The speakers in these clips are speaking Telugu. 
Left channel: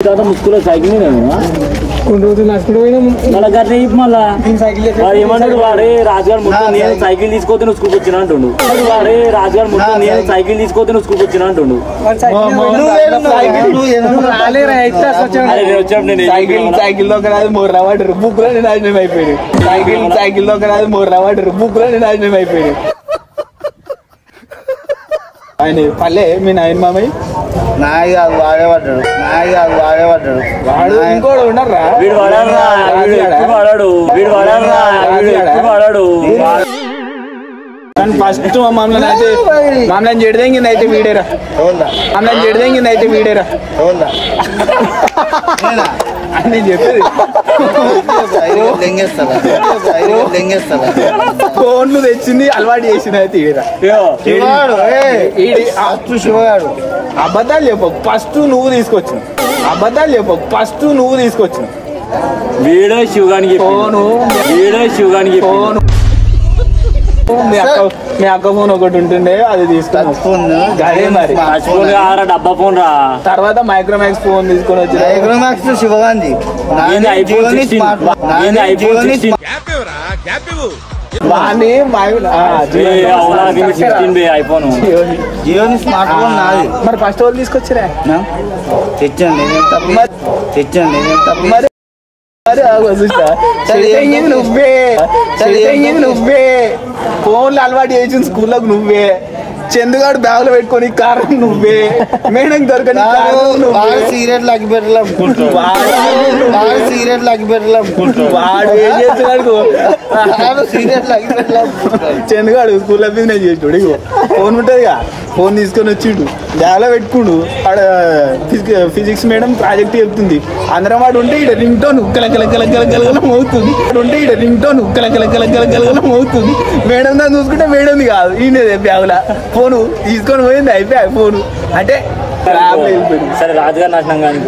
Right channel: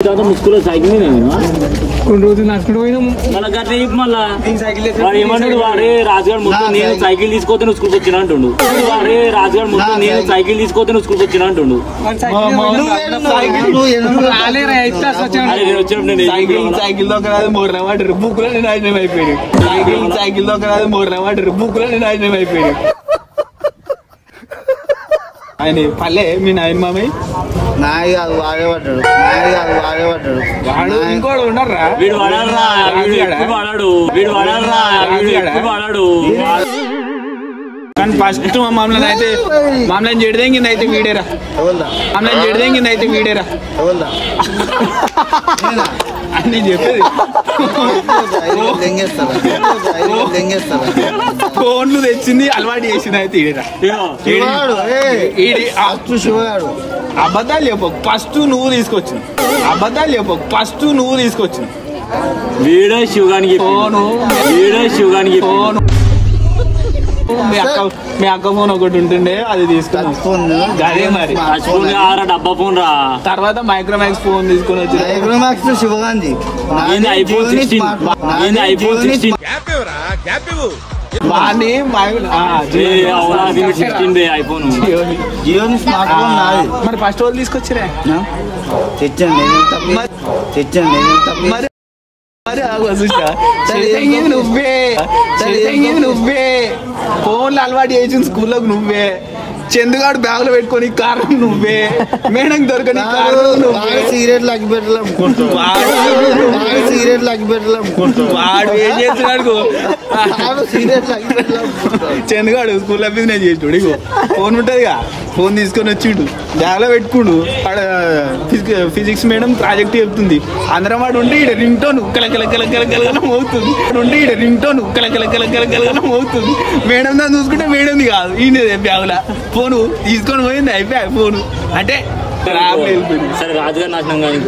मुस्कुला साइकिल नहीं రోజు నడుచుకుంటూ పోయినాం మళ్ళా గట్ల మళ్ళా సైకిల్ ఏమంటాడు వాడే రాజుగారు మొత్తం నేను సైకిల్ తీసుకొస్తే నువ్వు స్కూల్కి వచ్చిన అంటుండు వాడే రాజుగారు మొత్తం నేను సైకిల్ తీసుకొస్తే నువ్వు స్కూల్కి వచ్చిన అంటుండు సైకిల్ దగ్గర మూడు రవాడు బుక్ లో నాశనం అయిపోయాడు సైకిల్ దగ్గర మూడు రవాడు బుక్ లో నాశనం అయిపోయాడు ఆయన పల్లె మీ నాయన మామయ్య నాయి కాదు వాడేపడ్డాడు ఇంకోటి ఉన్నారా వీడు వాడాడు ఫస్ట్ మమ్మల్ని చెడిదెంగింది వీడేరా మమ్మల్ని చెడిదెంగింది వీడేరా నేను చెప్పేది ఫోన్ తెచ్చింది అలవాటు చేసింది అయితే శివగాడు అబద్ధాలు చెప్పు ఫస్ట్ నువ్వు తీసుకొచ్చింది వీడే శివగానికి ఫోను ఫోను మీ అక్క ఫోన్ ఒకటి ఉంటుండే అది తీసుకున్నా అదే మరి డబ్బా ఫోన్ రా తర్వాత మైక్రోమాక్స్ ఫోన్ తీసుకొని వచ్చి మైక్రోమాక్స్ శివగాంధీ ఐఫోన్ జియోని స్మార్ట్ ఫోన్ నాది మరి ఫస్ట్ వాళ్ళు తీసుకొచ్చిరా తెచ్చండి నువ్వే ఫోన్లు అలవాటు చేసిన స్కూల్లోకి నువ్వే చందుగాడు బ్యాగులు పెట్టుకొని కారణం నువ్వే మేడం దొరకని సిగరెట్లు వాడు ఏం చేస్తున్నాడు చందుగాడు స్కూల్లో బిజినెస్ చేసాడు ఫోన్ ఉంటదిగా ఫోన్ తీసుకొని వచ్చిండు బ్యాగ్లో పెట్టుకుండు ఆడ ఫిజిక్స్ మేడం ప్రాజెక్ట్ చెప్తుంది అందరం వాడు ఉంటే ఇక్కడ రింగ్ టోన్ కలకలం అవుతుంది అవుతుంది మేడం దాన్ని చూసుకుంటే మేడంది కాదు ఈయనదే బ్యాగులా ఫోను తీసుకొని పోయింది అయిపోయా ఫోను అంటే సరే రాజుగారు నాశనం కానీ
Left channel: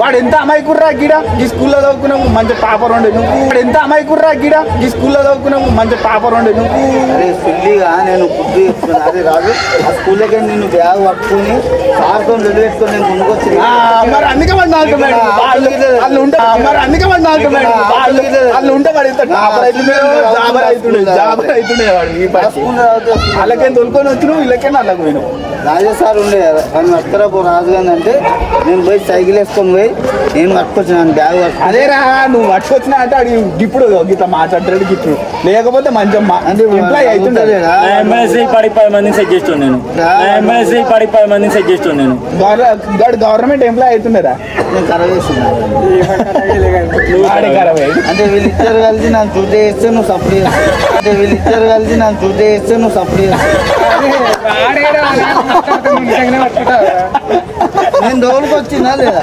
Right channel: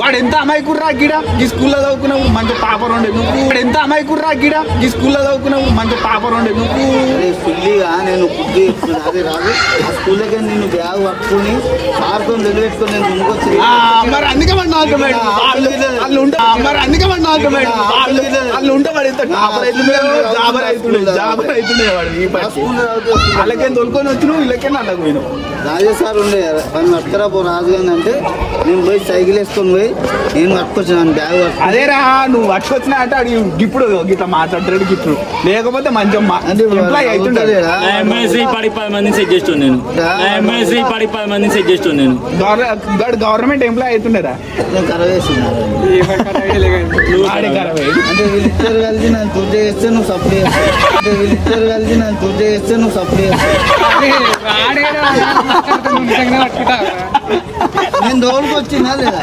వాడు ఎంత అమాయకుర్రా గిడ ఈ స్కూల్లో చదువుకున్నావు మంచి టాపర్ ఉండే నువ్వు వాడు ఎంత అమాయకుర్రా గిడ ఈ స్కూల్లో చదువుకున్నావు మంచి టాపర్ ఉండే నువ్వు ఫుల్లీగా నేను ఫుడ్ ఇస్తున్నాను అది రాదు ఆ స్కూల్లోకి నేను బ్యాగ్ పట్టుకుని సార్తో నిలబెట్టుకుని నేను ముందుకొచ్చి మరి అందుకే వాడు నవ్వుతున్నాడు వాళ్ళు ఉంటే వాడు ఎంత టాపర్ అవుతుండే వాడు వాళ్ళకేం తొలుకొని వచ్చినావు వీళ్ళకేం అల్లకు పోయినావు రాజా సార్ ఉండే ఆయన పట్టుకురాపో రాజు గాని అంటే నేను పోయి సైకిల్ వేసుకొని పోయి నేను పట్టుకొచ్చాను బ్యాగ్ పట్టుకు అదేరా నువ్వు పట్టుకొచ్చినా అంటే అడిగి ఇప్పుడు ఇట్లా మాట్లాడతాడు ఇప్పుడు లేకపోతే మంచిగా అంటే ఎంప్లాయ్ అవుతుంటది ఎంఎస్సీ 10 మందిని సెట్ చేస్తాను నేను గవర్నమెంట్ ఎంప్లాయ్ అవుతుండేరా నేను ఖరాబ్ చేస్తున్నాను అంటే వీళ్ళిద్దరు కలిసి నన్ను తుర్దే చేస్తే నువ్వు సప్లై నేను దోలుకొచ్చినా లేదా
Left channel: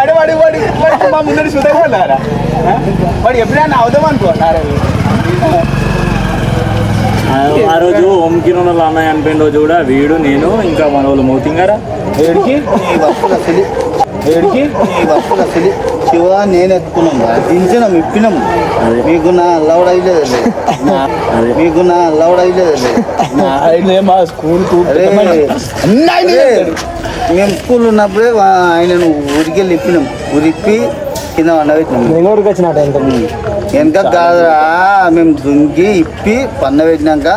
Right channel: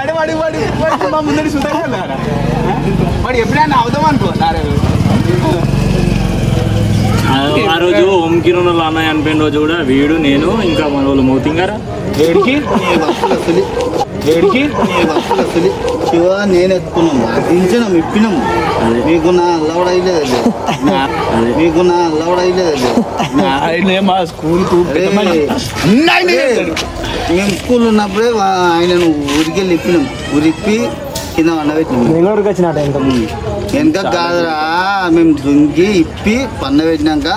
అంటే వాడి మా ముందు సుధారా వాడు ఎప్పుడైనా అవుదాం అనుకున్నారు ఆ రోజు ఓం కిరణ్ అన్నయ్య అనిపోయిన రోజు కూడా వీడు నేను ఇంకా మన వాళ్ళు మౌతింగారా శివ నేను ఎత్తుకున్నాం దించినాం ఇప్పినాం మీకు నా లౌడ్ అయ్యలేదు మా స్కూల్ మేము స్కూల్ ఉన్నప్పుడే ఆయనను ఊరికెళ్ళి ఇప్పినాం ఊరిప్పి కింద వండబెట్టినాం వెనక కాదురా మేము దుంకి ఇప్పి పండబెట్టినాక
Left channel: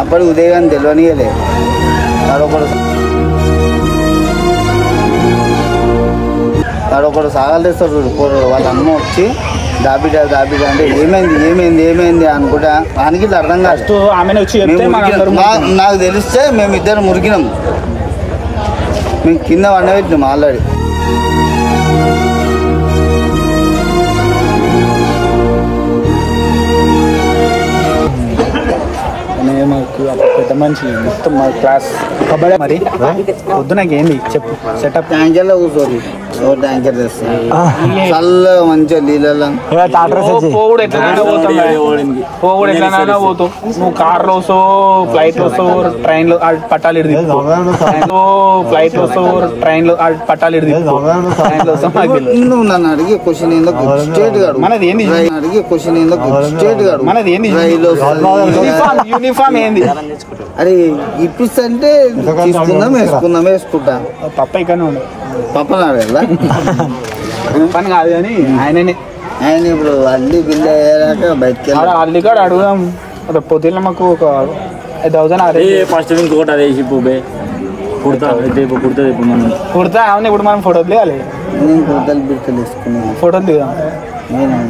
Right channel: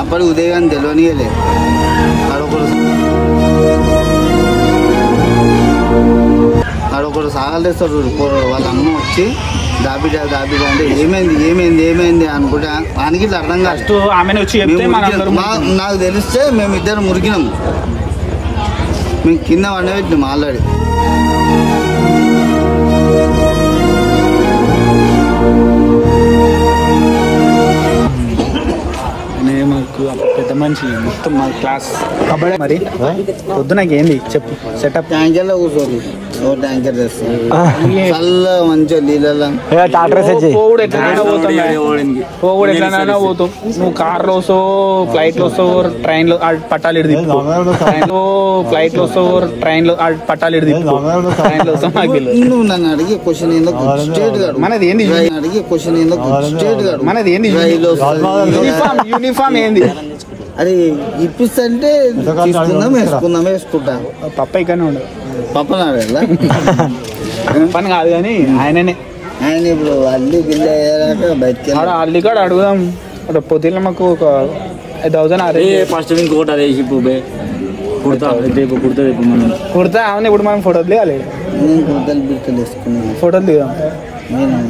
అప్పటి ఉదయం తెలియనియలే ఆడొకడు సాగాలు తెస్తాడు చూడు కూరడు వాళ్ళ అమ్మ వచ్చి దాబిడా అంటే ఏమైంది అనుకుంటా దానికి ఇట్లా అర్థం కాదు నాకు తెలిస్తే మేమిద్దరం మురికినాం మేము కింద వండబెట్టినాం ఆల్రెడీ పెద్ద మనిషి మొత్తం క్లాస్ కబడ్డీ మరి వద్దు నాకు ఏంది చెప్పు సెటప్ యాంజల్లో కూర్చోరు ఓ ట్యాంకర్ తెస్తాను చల్ల మంచిగా నీళ్ళలో పోవుడు ఎట్లా పోతావు నువ్వు కార్లో వస్తావు ఫ్లైట్ లో వస్తావు ట్రైన్ లో పట్టాలి ఫ్లైట్ లో వస్తావు ట్రైన్ లో పట్టాలి నువ్వు నన్ను అడిగే క్వశ్చన్ ఏందో స్ట్రేట్ గా మనది ఏంది అడిగే క్వశ్చన్ ఏందో స్ట్రేట్ గా మనది ఏంది యూనిఫామ్ ఏంది అరే ఇప్పిస్తే వేసుకుంటా పప్ప ఇక్కడ ఉండదు పప్పనా పని కాదు కానీ ఆయన ఇప్పుడు అల్లి బిల్లు అయ్యాక బయటకి అల్లి కాడ అడుగుదాం పొద్దున్న మాకు ఒక 5,000 ఫస్ట్ ఇంకోటి అదే పుబ్బే కుడతా కుడతా అవును ఇప్పుడు మనం ఫోటోలు దిగాలి నేను కుర్తలు బిర్తలు వేసుకున్నాను ఫోటోలు దిగాం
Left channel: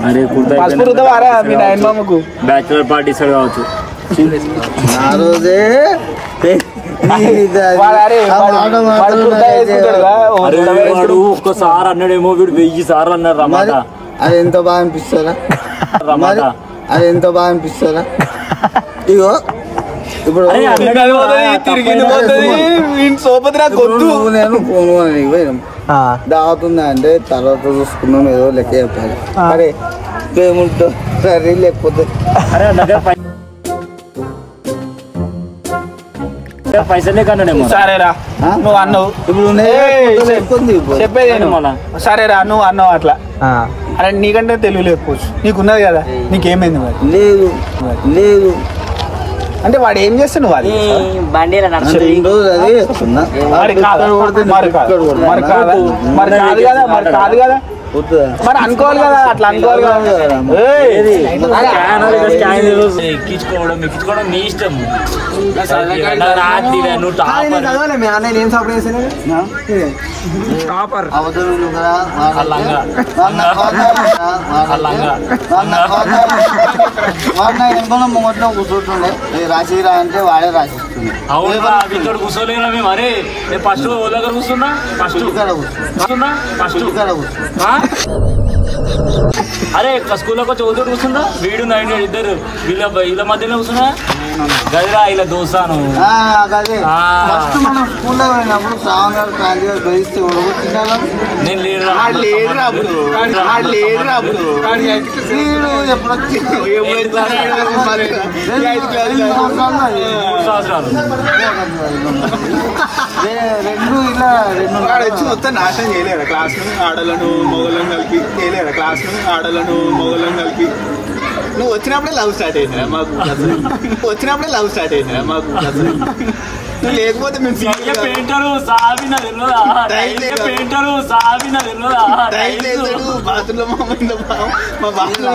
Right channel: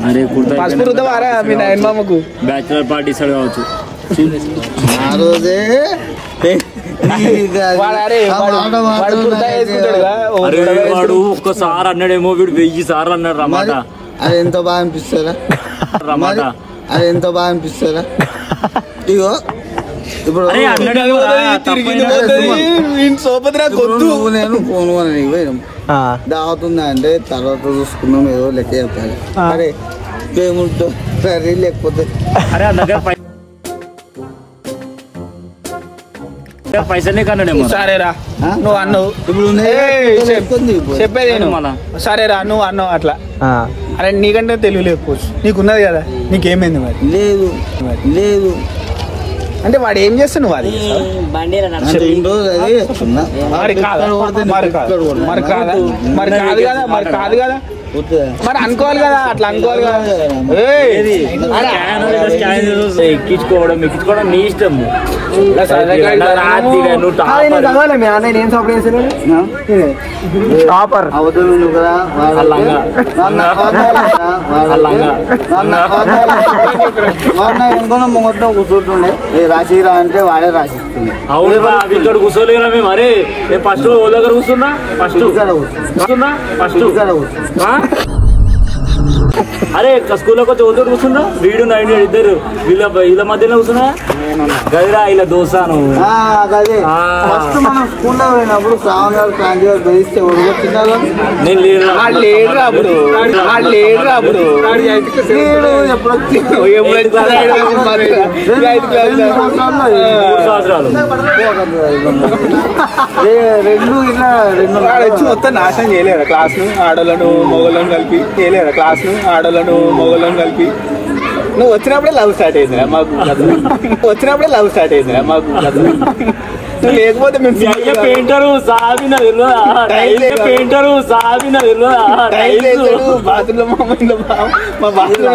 అరే కుడతావారా మీ నాయన మామకు బ్యాచులర్ పార్టీ ఇస్తాడు కావచ్చు ఆ రోజే వాడు ఒక్కసారి అన్నాడేమో వీడు 1000 సార్లు అన్నాడు రమాట అది ఎంత బాగా అనిపిస్తారా రమాట అది ఎంత బాగా అనిపిస్తారా ఇగో ఇప్పుడు నేను ఫోన్ అని దావుతుందా అంటే తర్వాత చూసుకున్నాను ఏదో లెక్క చెప్పాలి అరే పేమెంట్ సరే లేకపోతే పైసలే కన్నాడేమో సరేరా నువ్వు అన్నావు ఇప్పుడు చెప్పేది సరేరా నువ్వు అన్నావు అట్లా అరే నీకంటే తెలివి లేకపోవచ్చు నీకున్నది కదా నీకేమైంది మరి లేదు లేదు అంటే వాడు ఏం చేస్తున్నావు వాడు కాదు కదా మరి అనుకోవాలి కదా అట్లా అనుకోవాలి ఎక్కించుకోవడం నీ ఇష్టం మొత్తం కూర్చుంటుండే రాసిరా అంటే వాడే రాసిస్తుంది ఇక్కడ కూర్చోలేనా మేము అరే ఫస్ట్ ఓ దగ్గర కూర్చున్నా ఫస్ట్ అరే స్కూల్లోకి వచ్చి ఓతో కూర్చున్నా వీడు నైన్ ఇద్దరు వీళ్ళ మధ్యలో కూర్చున్నా గదిరా ఇలా దోసాను మనం స్కూల్లో పోయినప్పుడు శ్రావణ ప్రాంతీయ గెలిస్తే ఓడిపోతున్నారు నేను మొత్తం నాశనం చేయలేరా క్లాస్ ను ఆడలను మొగలను కలిపి చేయలేరా క్లాస్ ను ఆడలను మొగలను కలిపి నువ్వు వచ్చినప్పుడే లవ్ స్టార్ట్ అయిందిరా మాకు లేకపోతే మేము పెయింటరు బాత్రూమ్ మా బాత్రూమ్